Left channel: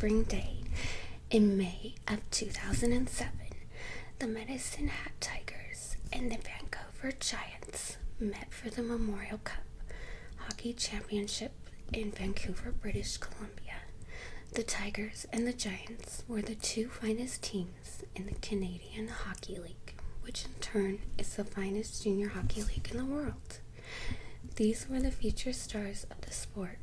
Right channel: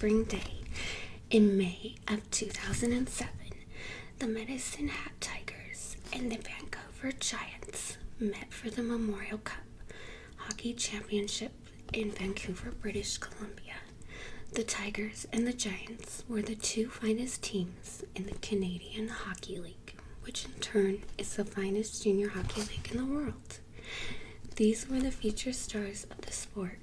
spring day in May of 2007, the Medicine Hat Tigers and the Vancouver Giants met for the Memorial Cup Hockey Championship in Vancouver, British Columbia. The Tigers and the Giants were the two finest teams in the Canadian Hockey League, which in turn is the finest junior hockey league in the world. These were the featured stars of the sport,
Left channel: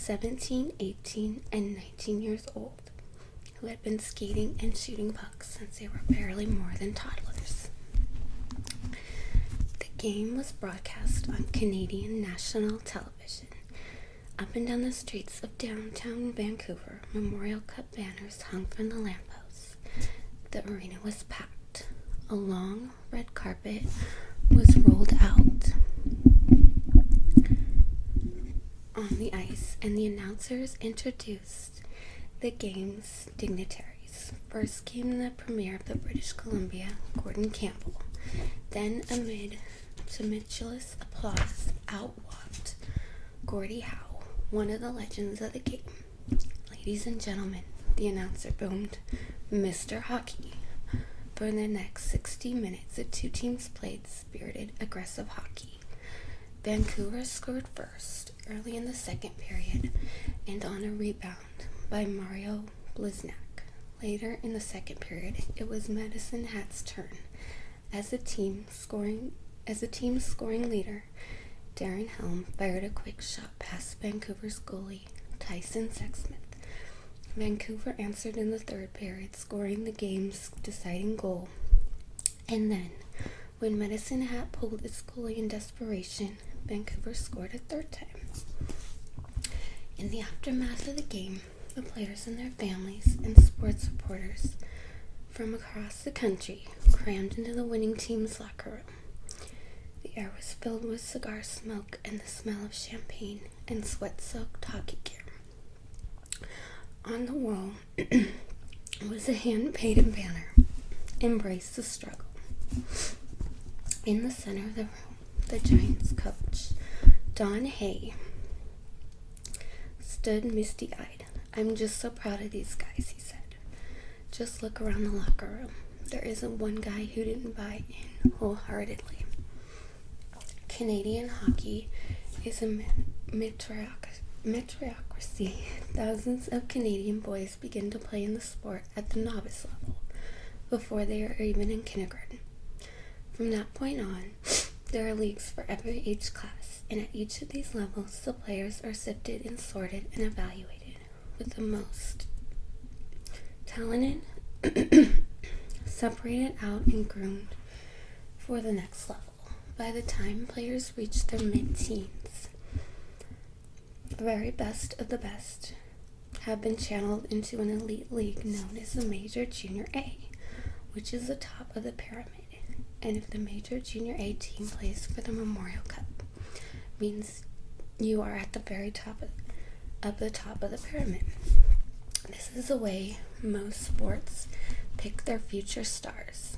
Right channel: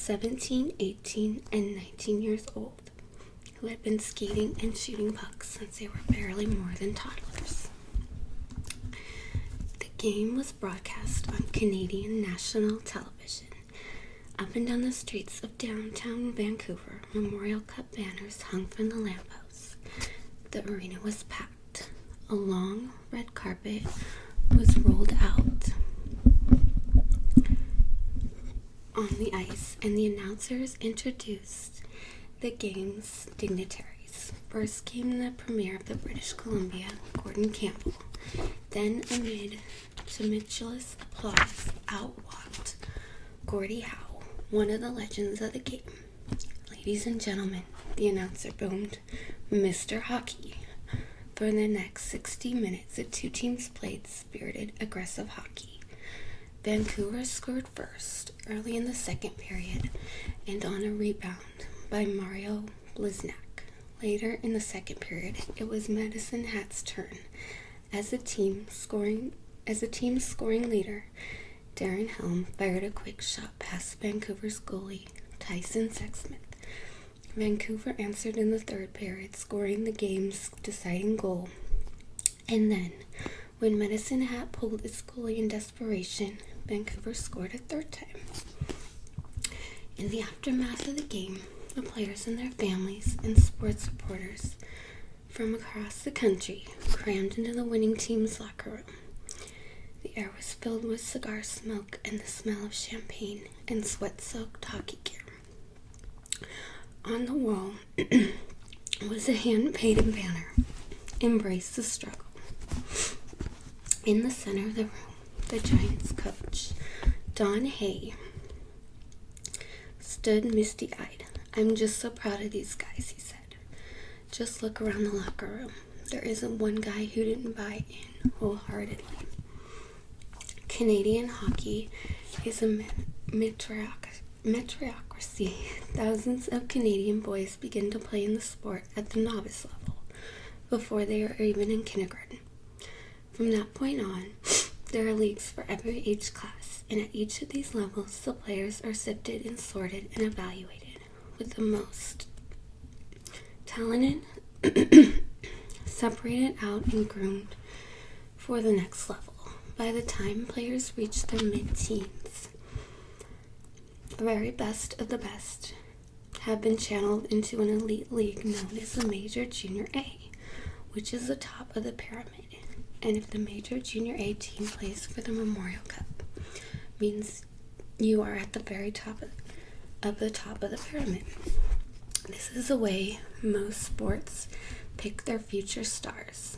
17, 18, and 19 years old, who had been skating and shooting pucks since they were barely more than toddlers. The game was broadcast on Canadian national television. Up and down the streets of downtown Vancouver, Memorial Cup banners hung from the lampposts. The arena was packed. A long red carpet was rolled out on the ice, and the announcers introduced the game's dignitaries. First came the Premier of the British Columbia, Gordon Campbell. Then, amid tumultuous applause, out walked Gordie Howe, one of the legends of the game. Ladies and gentlemen, the announcer boomed, Mr. Hockey. For the next 60 minutes, the two teams played spirited, aggressive hockey. Vancouver scored first, early in the second period, and on a rebound by Mario Bliznak. Later in the second period, it was Medicine Hat's turn. As the team's scoring leader, Darren Helm, fired a quick shot past Vancouver's goalie, Tyson Sexsmith. Vancouver answered in the third period, scoring the game's deciding goal. And then, when Medicine Hat pulled its goalie in desperation, Vancouver scored a third time. In the aftermath of the game, the players and their families and sports reporters from across the country crammed into the winning team's locker room. The air was filled with cigar smoke and the smell of champagne and sweat-soaked hockey gear. On the wall was a hand-painted banner, Embrace the Struggle. In the center of the room, the Giants coach, Don Hay, stood misty-eyed. I'm just so proud of these guys, he said. Just look around the locker room. There isn't one guy who didn't buy in wholeheartedly. Canadian hockey is a meritocracy. Thousands of Canadian boys begin to play in the sport at the novice level before they are even in kindergarten. From that point on, there are leagues for every age class, and at each of these levels, the players are sifted and sorted and evaluated, with the most talented separated out and groomed for the next level. By the time players reach their mid-teens, the very best of the best have been channeled into an elite league known as the Major Junior A, which is the top of the pyramid. And if the Major Junior A team plays for the Memorial Cup, means you are at the very top of the pyramid. This is the way most sports pick their future stars.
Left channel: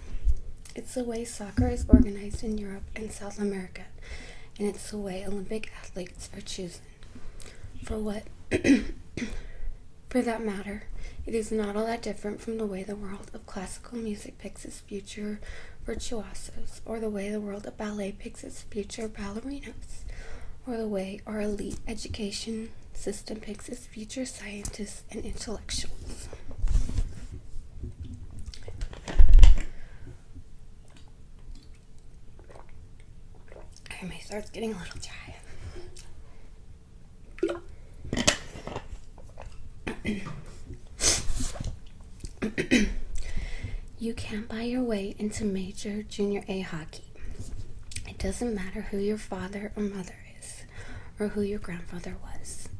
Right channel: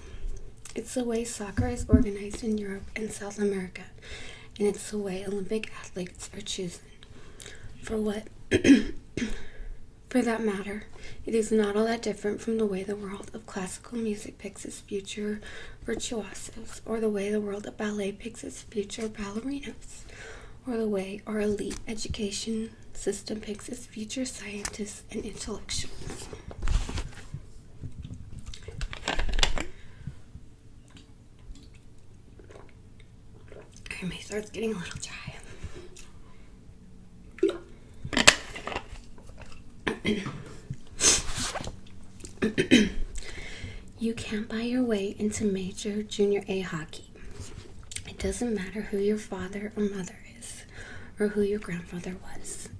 It's the way soccer is organized in Europe and South America, and it's the way Olympic athletes are chosen. For that matter, it is not all that different from the way the world of classical music picks its future virtuosos, or the way the world of ballet picks its future ballerinos, or the way our elite education system picks its future scientists and intellectuals. My throat's getting a little dry. You can't buy your way into Major Junior A hockey. It doesn't matter who your father or mother is, or who your grandfather was,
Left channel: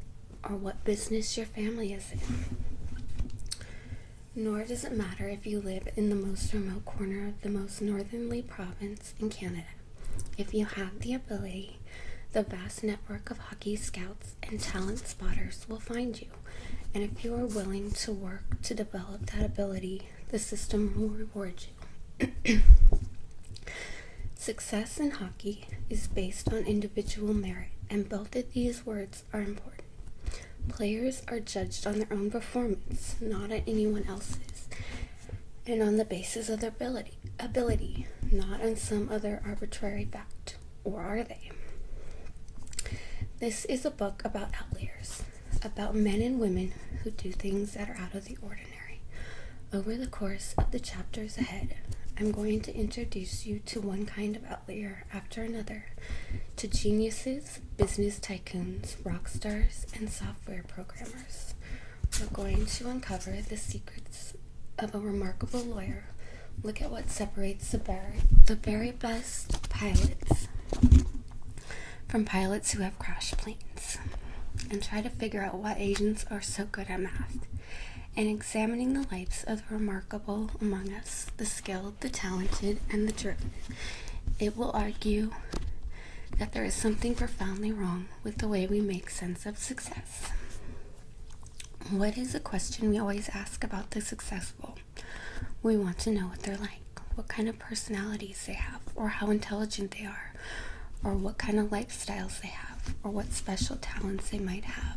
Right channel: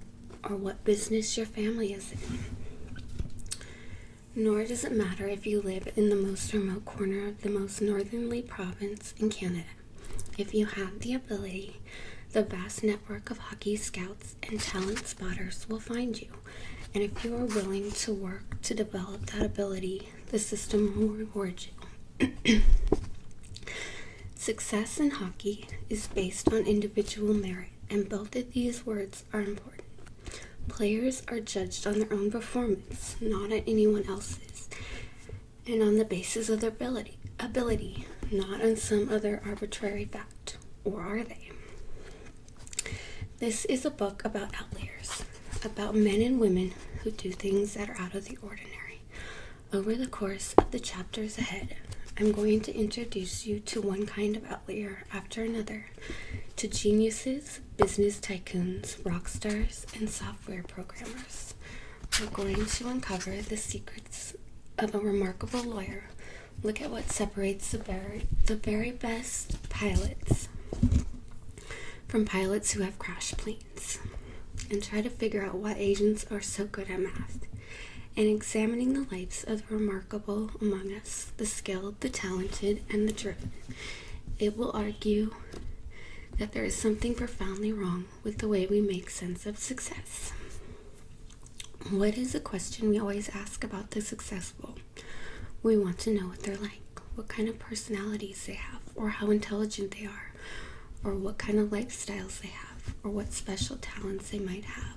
or what business your family is in. Nor does it matter if you live in the most remote corner of the most northerly province in Canada. If you have the ability, the vast network of hockey scouts and talent spotters will find you. And if you are willing to work to develop that ability, the system will reward you. Success in hockey is based on individual merit, and both of these words are important. Players are judged on their own performance, not on anyone else's, and on the basis of their ability, not on some other arbitrary fact. Or are they? This is a book about outliers, about men and women who do things that are out of the ordinary. Over the course of the chapters ahead, I'm going to introduce you to one kind of outlier after another, to geniuses, business tycoons, rock stars, and software programmers. We're going to uncover the secrets of a remarkable lawyer, look at what separates the very best pilots from pilots who have crashed planes, and try to figure out why Asians are so good at math, and examining the lives of the remarkable among us, the skilled, the talented, and the driven. It will argue that there is something profoundly wrong with the way we make sense of success. What is a question we always ask about the successful? We want to know what they're like, what kind of personalities they have, or how intelligent they are, or what kind of lifestyles they have, or what special talents they might have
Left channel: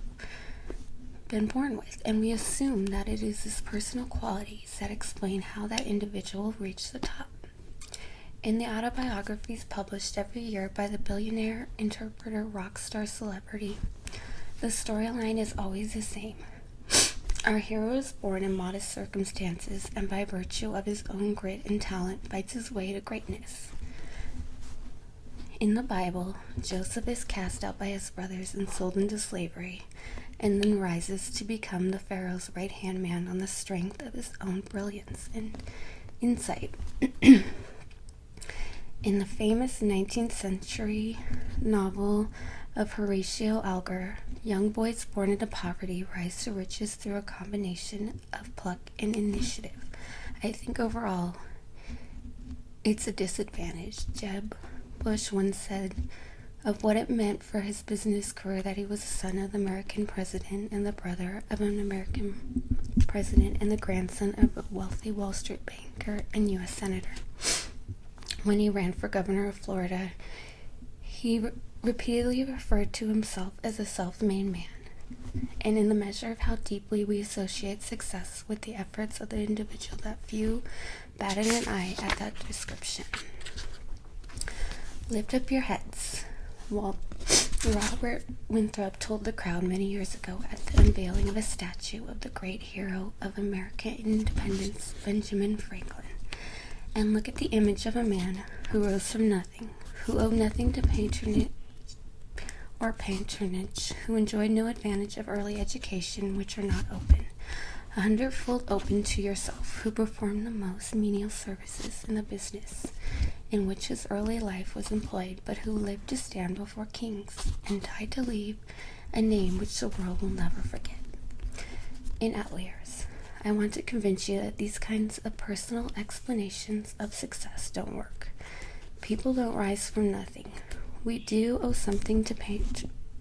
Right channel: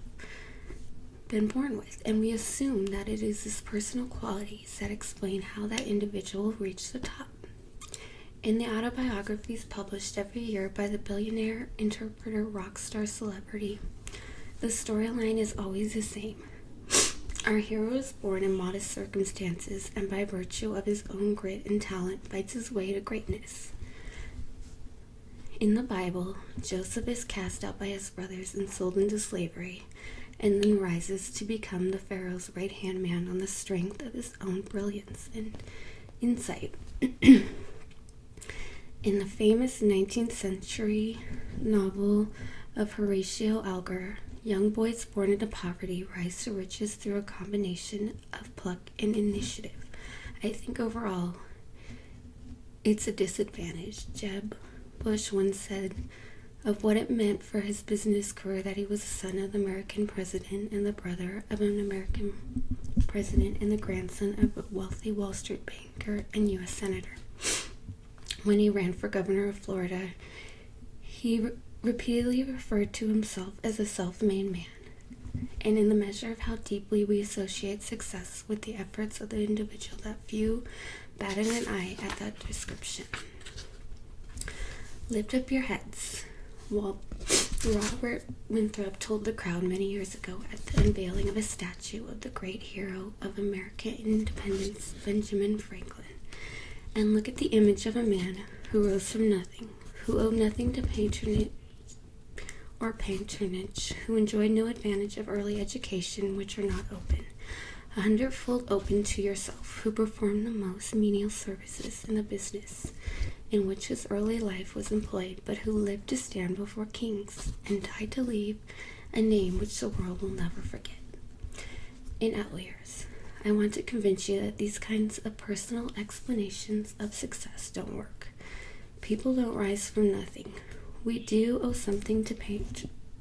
been born with. And we assume that it is these personal qualities that explain how that individual reached the top. In the autobiographies published every year by the billionaire, interpreter, rock star, celebrity, the storyline is always the same. Our hero is born in modest circumstances and by virtue of his own grit and talent fights his way to greatness. In the Bible, Joseph is cast out by his brothers and sold into slavery, and then rises to become the Pharaoh's right-hand man on the strength of his own brilliance and insight. In the famous 19th century novel of Horatio Alger, young boys born into poverty rise to riches through a combination of pluck and initiative. I think overall, it's a disadvantage. Jeb Bush once said of what it meant for his business career that he was the son of the American president and the brother of an American president and the grandson of a wealthy Wall Street banker and U.S. senator. When he ran for governor of Florida, he repeatedly referred to himself as a self-made man, and in the measure of how deeply we associate success with the efforts of the individual, that few batted an eye at that description. Lift up your heads. Robert Winthrop told the crowd many years ago at the unveiling of a statue of the great hero of American independence, Benjamin Franklin. And look at the image of a man who rose from nothing, who owed nothing to patronage, who enjoyed no advantage of early education which are not open, 100-fold open to yourself, who performed the most menial services in the business in which his early life was employed, but who lived to stand before kings and died to leave a name which the world will never forget. In Outliers, I want to convince you that these kinds of personal explanations of success don't work. People don't rise from nothing. We do owe something to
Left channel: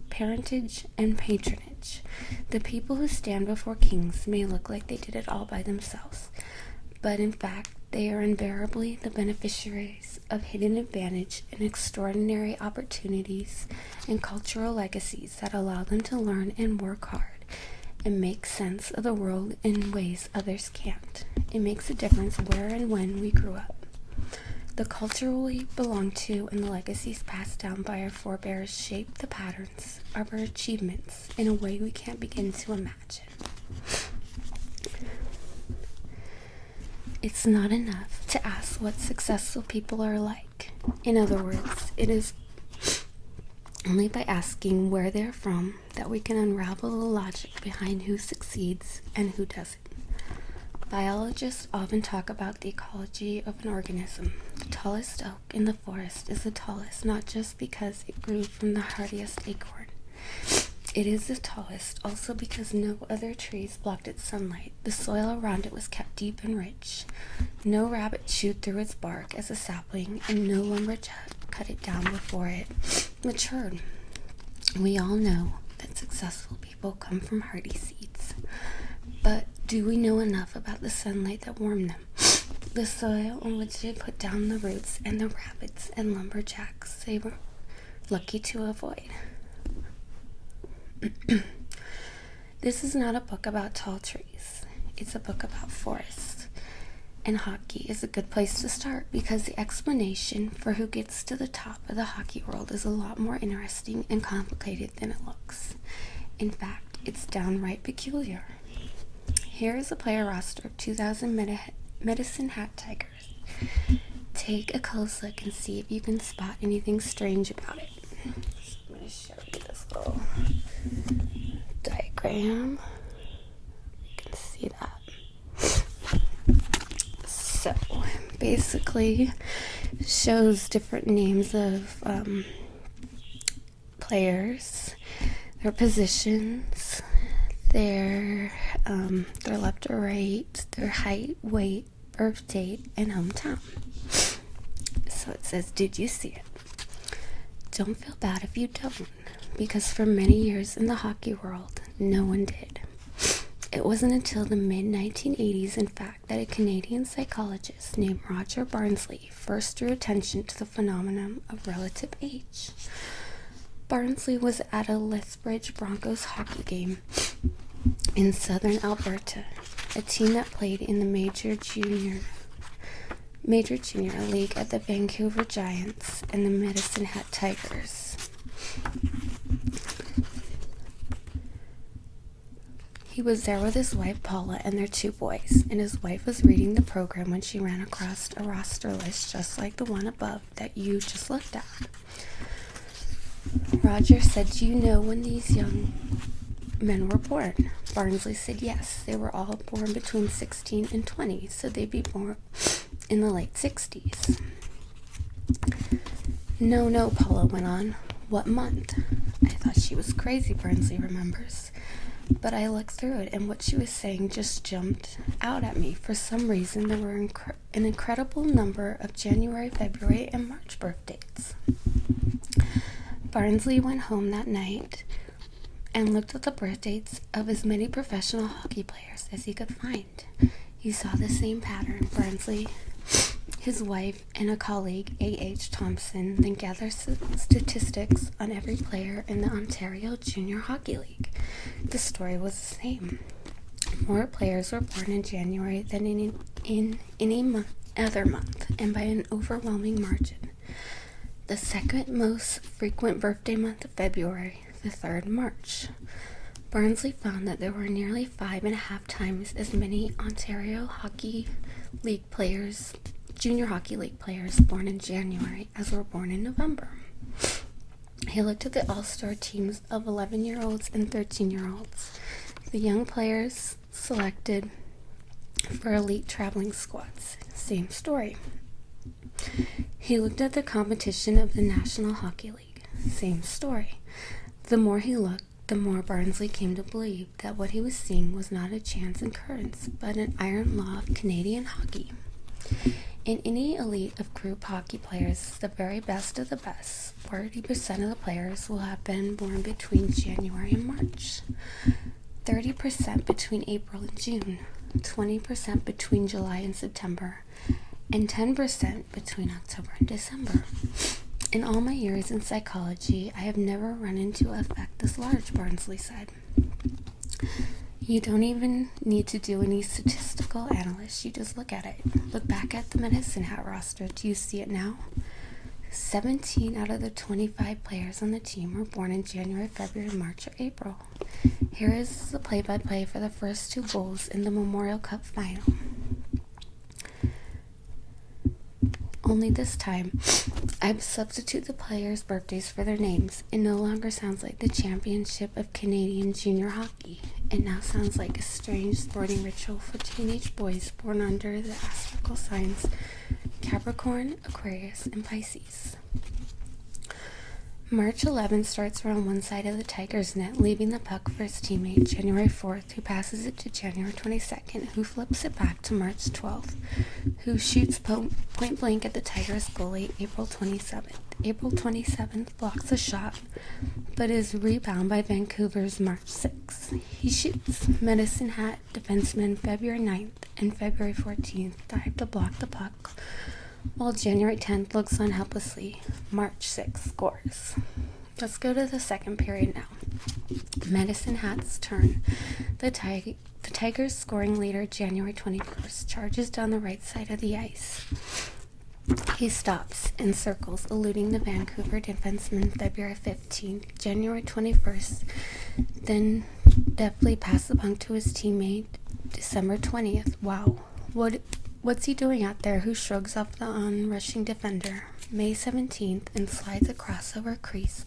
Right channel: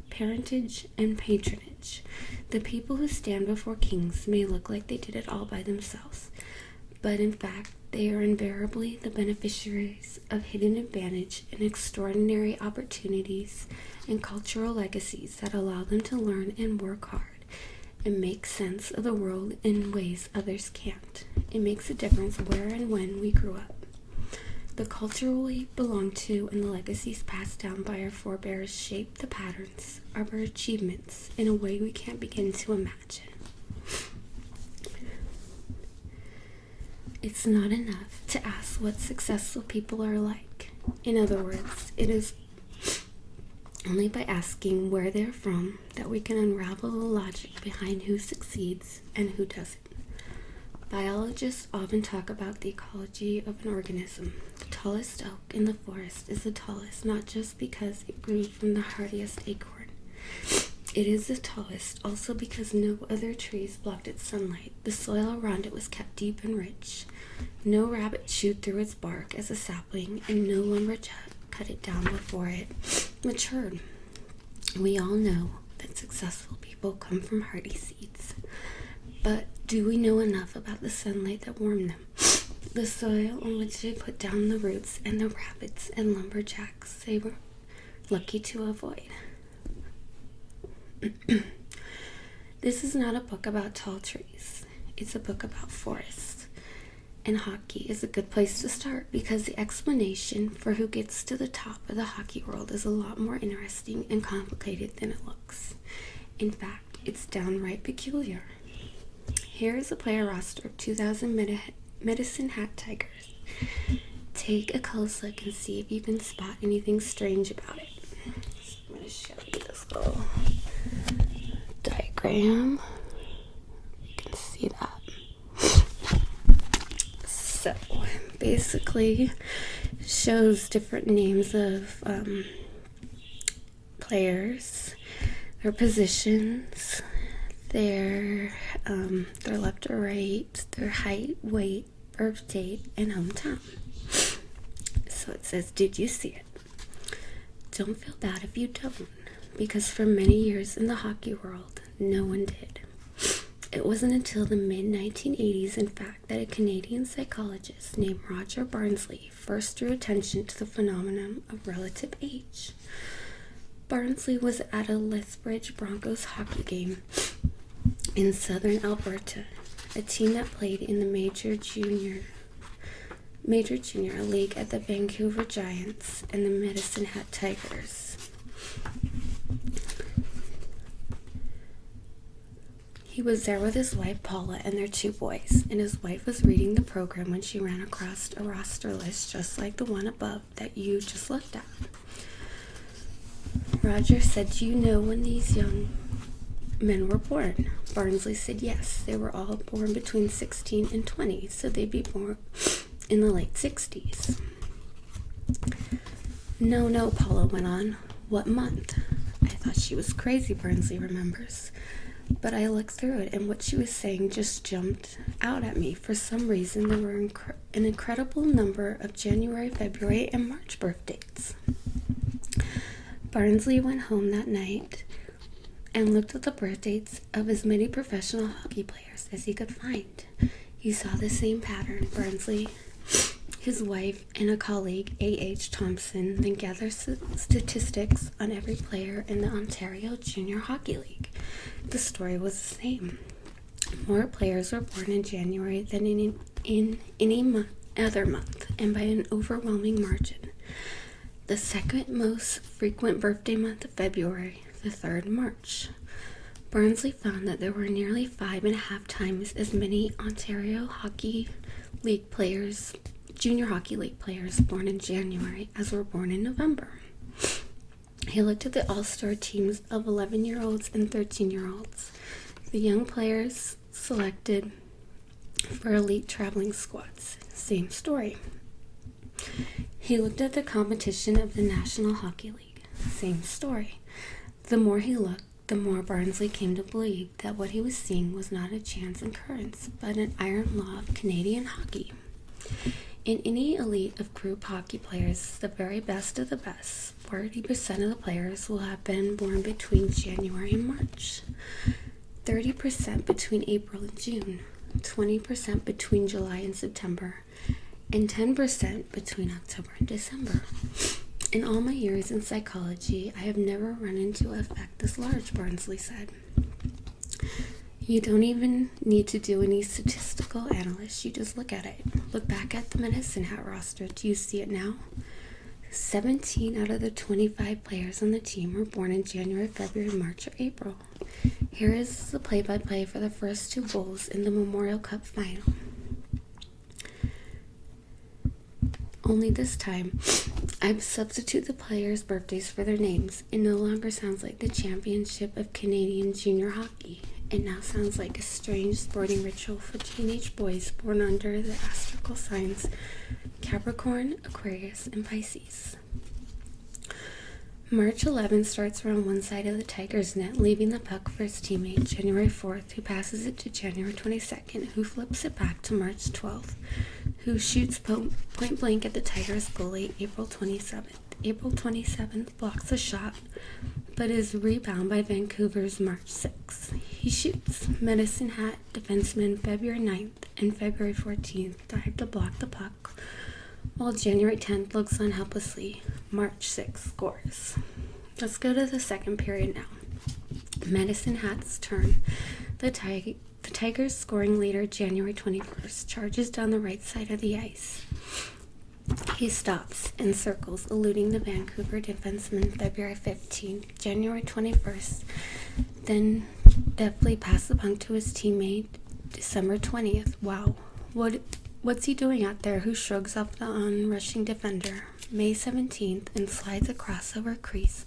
parentage and patronage. The people who stand before kings may look like they did it all by themselves, but in fact, they are invariably the beneficiaries of hidden advantage and extraordinary opportunities and cultural legacies that allow them to learn and work hard and make sense of the world in ways others can't. It makes a difference where and when we grew up. The culture we belong to and the legacies passed down by our forebears shape the patterns of our achievements in a way we can't begin to imagine. It's not enough to ask what successful people are like. In other words, it is only by asking where they're from that we can unravel the logic behind who succeeds and who doesn't. Biologists often talk about the ecology of an organism. The tallest oak in the forest is the tallest not just because it grew from the hardiest acorn. It is the tallest also because no other trees blocked its sunlight. The soil around it was kept deep and rich. No rabbit chewed through its bark as a sapling, and no lumberjack cut it down before it matured. We all know that successful people come from hardy seeds. But do we know enough about the sunlight that warmed them? The soil on which they put down the roots and the rabbits and lumberjacks they were lucky to avoid? This is not a book about tall trees. It's a book about forests. And hockey is a good place to start because the explanation for who gets to the top of the hockey world is a lot more interesting and complicated than it looks. In fact, it's downright peculiar. Here is a player roster of 2000 Medicine Hat Tigers. Take a close look and see if you can spot anything strange about it. I'm going to show you this little diagram. You can see that. So, basically, it shows different names of players, their positions, their left or right, their height, weight, birth date, and hometown. So it says, did you see it? Don't feel bad if you don't, because for many years in the hockey world, no one did. It wasn't until the mid-1980s, in fact, that a Canadian psychologist named Roger Barnsley first drew attention to the phenomenon of relative age. Barnsley was at a Lethbridge Broncos hockey game in southern Alberta, a team that played in the Major Junior League at the Vancouver Giants and the Medicine Hat Tigers. He was there with his wife Paula and their 2 boys, and his wife was reading the program when she ran across a roster list just like the one above that you just looked at. Roger said, "Do you know when these young men were born?" Barnsley said yes, they were all born between 16 and 20, so they'd be born in the late 60s. No, Paula went on. What month? I thought she was crazy, Barnsley remembers. But I looked through it, and what she was saying just jumped out at me. For some reason, there were an incredible number of January, February, and March birth dates. Barnsley went home that night and looked at the birth dates of as many professional hockey players as he could find. He saw the same pattern. Barnsley, his wife, and a colleague, A.H. Thompson, then gathered statistics on every player in the Ontario Junior Hockey League. The story was the same. More players were born in January than in any other month, and by an overwhelming margin. The second most frequent birthday month of February, the third March. Barnsley found that there were nearly 5.5 times as many Ontario Hockey League players, Junior Hockey League players born in January as were born in November. He looked at the all-star teams of 11-year-olds and 13-year-olds, the young players selected for elite traveling squads. Same story. He looked at the competition of the National Hockey League. Same story. The more he looked, the more Barnsley came to believe that what he was seeing was not a chance occurrence, but an iron law of Canadian hockey. In any elite of group hockey players, the very best of the best, 40% of the players will have been born between January and March, 30% between April and June, 20% between July and September, and 10% between October and December. In all my years in psychology, I have never run into an effect this large, Barnsley said. You don't even need to do any statistical analysis. You just look at it. Look back at the Medicine Hat roster. Do you see it now? 17 out of the 25 players on the team were born in January, February, March, or April. Here is the play-by-play for the first 2 bowls in the Memorial Cup final. Only this time, I've substituted the players' birthdays for their names. It no longer sounds like the Championship of Canadian Junior Hockey. It now sounds like a strange sporting ritual for teenage boys born under the astrological signs Capricorn, Aquarius, and Pisces. March 11th starts around one side of the Tigers' net, leaving the puck for his teammate January 4th, who passes it to January 22nd, who flips it back to March 12th, who shoots point blank at the Tigers' goalie April 27th. April 27th blocks a shot, but is rebounded by Vancouver's March 6th. He shoots. Medicine Hat defenseman February 9th and February 14th dive to block the puck, while January 10th looks on helplessly. March 6th scores. Let's go to the second period now. Medicine Hat's turn. The Tigers' scoring leader, January 21st, charges down the right side of the ice. He stops and circles, eluding the Vancouver defenseman, February 15th. January 21st, then deftly passes the puck to his teammate, December 20th. Wow. What's he doing out there? Who shrugs off the onrushing defender? May 17th, and slides a crossover crease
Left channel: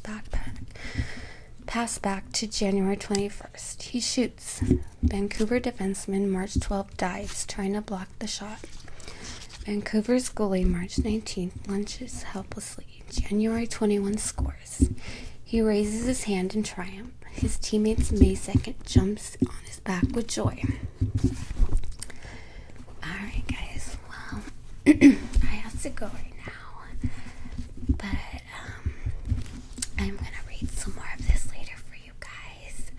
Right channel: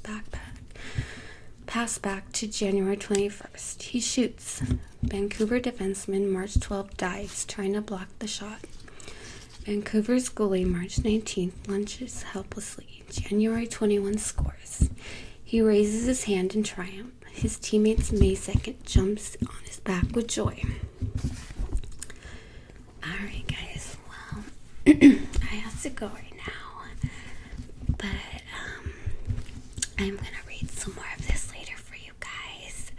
pass back to January 21st. He shoots. Vancouver defenseman March 12th dives, trying to block the shot. Vancouver's goalie March 19th lunges helplessly. January 21 scores. He raises his hand in triumph. His teammates May 2nd jumps on his back with joy. Alright guys, well, I have to go right now, but I'm gonna read some more of this later for you guys.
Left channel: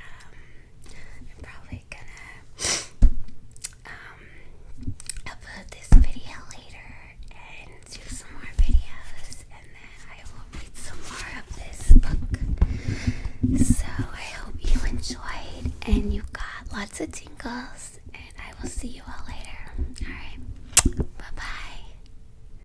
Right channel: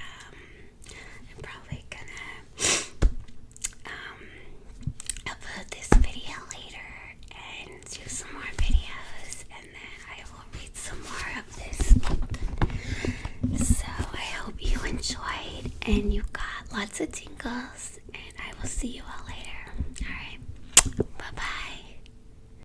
I'm probably gonna upload this video later and do some more videos, and then I will read some more of this book. So I hope you enjoyed and you got lots of tingles, and I will see you all